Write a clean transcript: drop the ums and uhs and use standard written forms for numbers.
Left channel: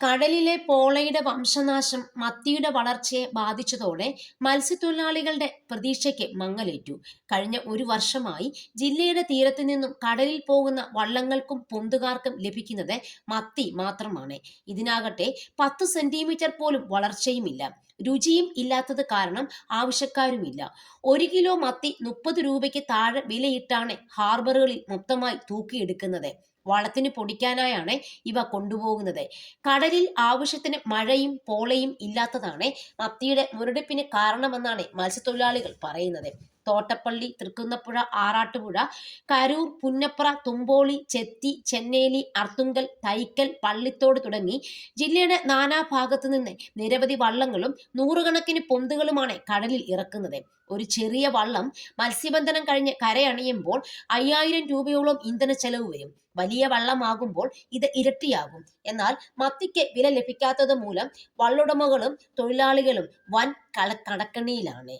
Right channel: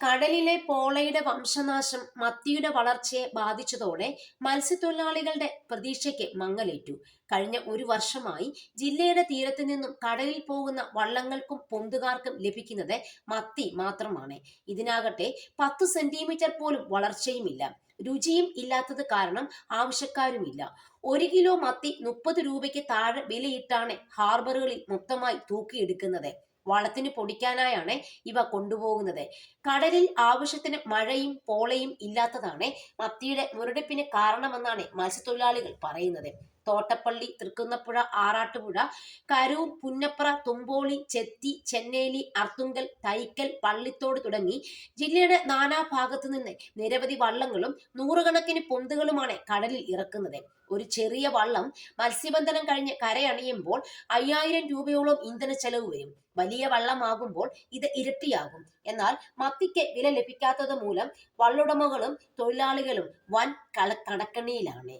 കടലിലെ പോളയുടെ വംശനാശം മത്തിയുടെ വളർച്ചയെ ബാധിച്ചതോടെ മത്സ്യത്തൊഴിലാളികളുടെ പ്രതീക്ഷയ്ക്ക് മങ്ങലേറ്റു. കഴിഞ്ഞ ഒരു വർഷമായി ജില്ലയുടെ തീരത്തു നിന്നും കടലിൽ പോകുന്ന വള്ളങ്ങൾക്കും പൊന്തുകാർക്കും ലഭിക്കുന്നത് മത്തി മാത്രമാണ്. ഇതിനാകട്ടെ 10 സെന്റിമീറ്റർ പോലും വളർച്ചയുമില്ല. രുചിയും ഇല്ലാത്തത് കാരണം ആവശ്യക്കാരുമില്ല. 1 കിലോ മത്തി 30 രൂപയ്ക്ക് താഴെ വിലയിട്ടാണ് ഹാർബറുകളിൽ മൊത്തമായി തൂക്കിയെടുക്കുന്നത്. വള്ളത്തിന് പൊടിക്കാനായാണ് ഇവ കൊണ്ടുപോകുന്നത്. കടലിൽ ആവശ്യത്തിന് മഴയും പോളയും ഇല്ലാത്തതാണ് മത്തിയുടെ മുരടിപ്പിന് കാരണമെന്നാണ് മത്സ്യത്തൊഴിലാളികൾ പറയുന്നത്. തോട്ടപ്പള്ളി, തൃക്കുന്നപ്പുഴ, ആറാട്ടുപുഴ, കരൂർ, പുന്നപ്ര, തുമ്പോളി, ചെത്തി, ചെന്നേലി, അർത്തുങ്കൽ, തൈക്കൽ, പള്ളിത്തോട് തുടങ്ങി ജില്ലയുടെ നാനാഭാഗത്തു നിന്ന് നിരവധി വള്ളങ്ങളും നൂറുകണക്കിന് പൊന്തുകളുമാണ് കടലിൽ ഇറക്കുന്നത്. ഒരു ചെറിയ വള്ളം മത്സ്യബന്ധനം കഴിഞ്ഞ് കരയണിയുമ്പോൾ 5000 രൂപയോളം ഇന്ധന ചെലവ് വരും. വലിയ വള്ളമാകുമ്പോൾ ഇത് ഇരട്ടിയാകും. എന്നാൽ മത്തിക്ക് വില ലഭിക്കാത്തത് മൂലം വള്ളുടമകളും തൊഴിലാളികളും വൻ കടക്കണിയിലാണ്.